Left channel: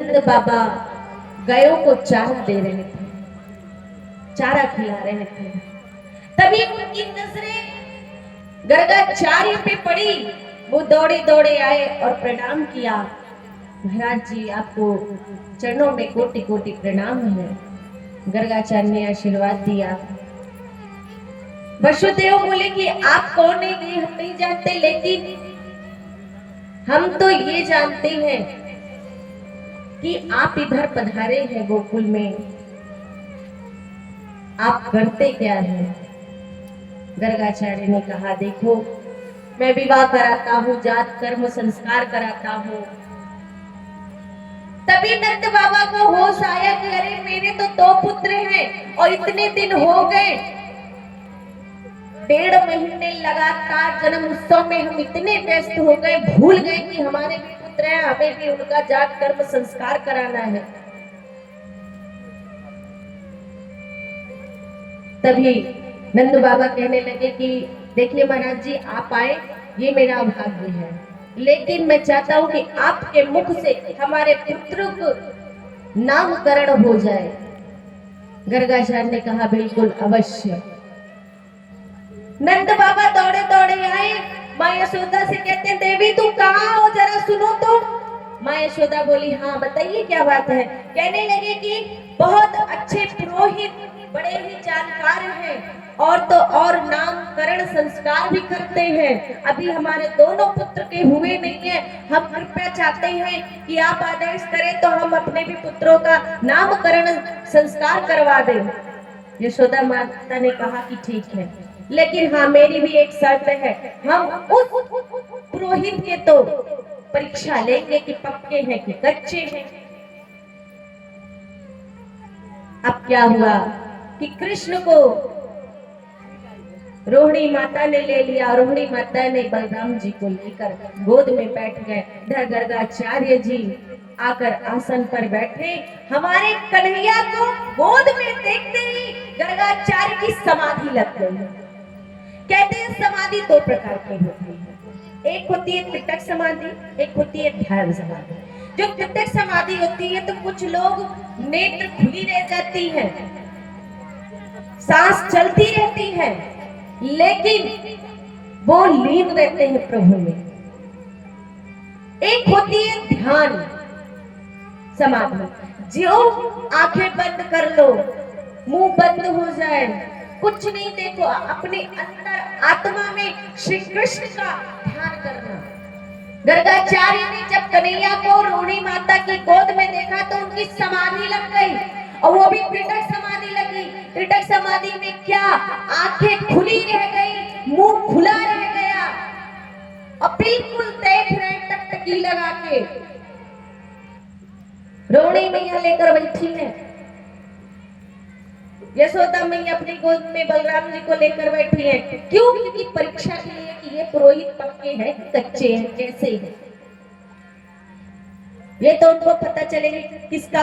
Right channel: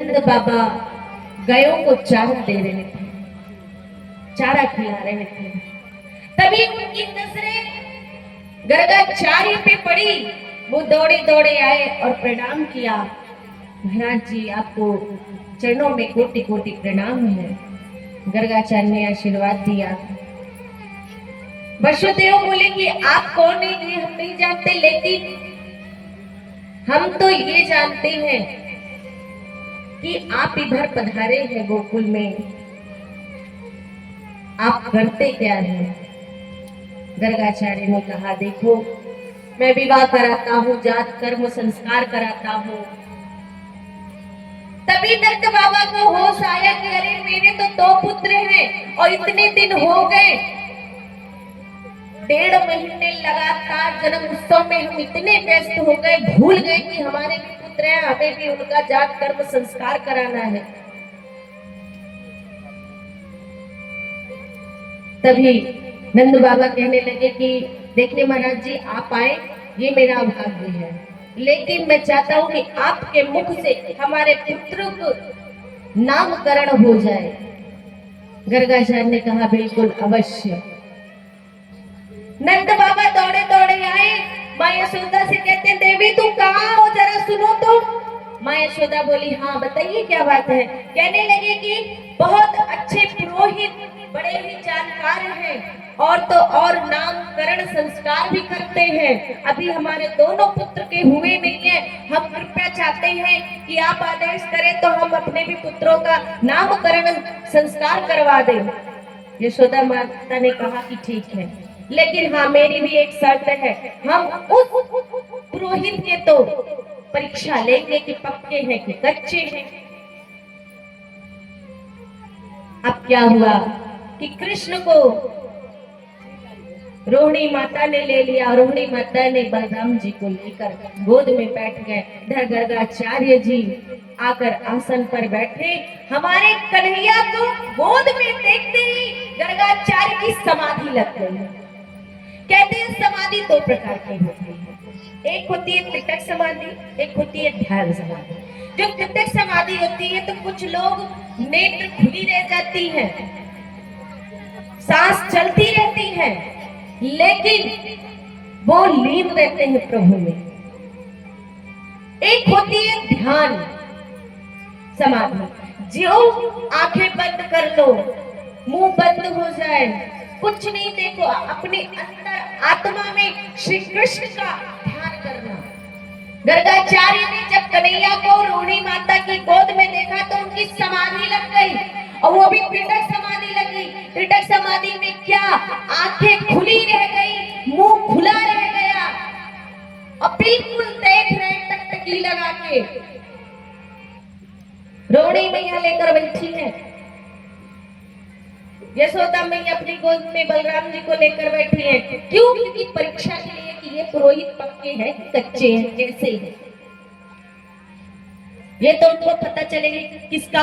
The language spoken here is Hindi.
बाबा गायों को चारा दे रहे थे, चारा खिला रहे थे। तभी उनकी नजरें गर्गाचार्य पे पड़ी। वो दौड़े दौड़े आए और प्रणाम किया। महाराज जी, आपको चरणों में कोटि कोटि प्रणाम है। गर्गाचार्य ने आशीर्वाद दिया। वसुदेव बोले कि आप कौन है ये हम नहीं जानते, लेकिन हम तो ये जानते हैं कि आप इधर पधारे हैं गोकुल में, आप करते क्या हैं? गर्गाचार्य ने कहा, देखो मैं विवाह कराता हूँ, जात कर्म संस्कार कराता हूँ। तभी नंद बाबा को होश आया कि अरे मेरे तो दो पुत्र हैं और इतने दिन हो गए, 1.5 महीने लगातार जन्म उत्सव में हम इतने व्यस्त हो गए, भूल गए कि हमारे भी पुत्र हैं, हमें भी उनका जात कर्म संस्कार कराना है। तभी नंद बाबा कहने लगे कि देखिए महाराज जी, आप आए ये मेरा भाग्य है, लेकिन मैं चाहता हूं कि आपके मुख से हमारे पुत्र को नामकरण हो जाए। गर्गाचार्य ने कहा, बिल्कुल अवश्य। नंद बाबा दौड़े दौड़े आए, माँ यशोदा से कहते हैं, देवी तुम कहाँ हो, जरा सुनो तो। माँ यशोदा बोली, हाँ बताइए क्या बात है। कहने लगे कि बहुत अच्छे पुरोहित, बड़े ही जानकार हैं, और तो और नामकरण संस्कार भी करते हैं। अभी हमारे दोनों पुत्र के हुए नहीं है, हम कृपया चाहते हैं कि आप आदेश करें तो हम अपने भी पुत्रों का नामकरण संस्कार करवा दें। यशोदा माता ने कहा कि ठीक है, लेकिन हाँ मेरी भी एक शर्त है, हम उस पुरोहित के तो परीक्षा लेंगे कि पक्के हैं कि कच्चे हैं। अब क्या हुआ कि कृष्ण को रोहिणी माता ने ले लिया। रोहिणी माता ने बलराम जी को लेकर गोद में बैठ गए। इधर गर्गाचार्य जी आकर आसन पर बैठे। हमारे कन्हैया को गोद में देखते ही गर्गाचार्य की समाधि लग गई। कहते हैं समाधि 2 प्रकार की होती है, एक होती है त्रिटक समाधि, एक होती है ध्यान समाधि। जो त्रिटक समाधि होती है तो कुछ लोग नेत्र खुली रह जाती है, सांस चलती रहती है, लेकिन वो लीन रहते हैं प्रभु में। एक होती है ध्यान समाधि, जो आंखें बंद कर लो, मुंह बंद हो जाए, कुछ नहीं देखो, अपने अंदर आत्मा में श्री कृष्ण का ध्यान करना। गर्गाचार्य ने जब कन्हैया को रोहिणी माता की गोद में देखा तो उनकी समाधि लग गई, और वो भी त्रिटक समाधि लगी। त्रिटक समाधि में क्या, आंखें खुली रह गई, मुंह खुला रह गया, और बिल्कुल देख रहे टकटकी लगा के। रोहिणी मैया लेकर बैठी है, यशोदा मैया अपनी गोद में बलराम जी को लेकर बैठी है। क्यों? क्योंकि परीक्षा के लिए कि ये पुरोहित पक्के हैं कच्चे हैं, कैसे हैं। ये तो उनको पता चलेगा किसका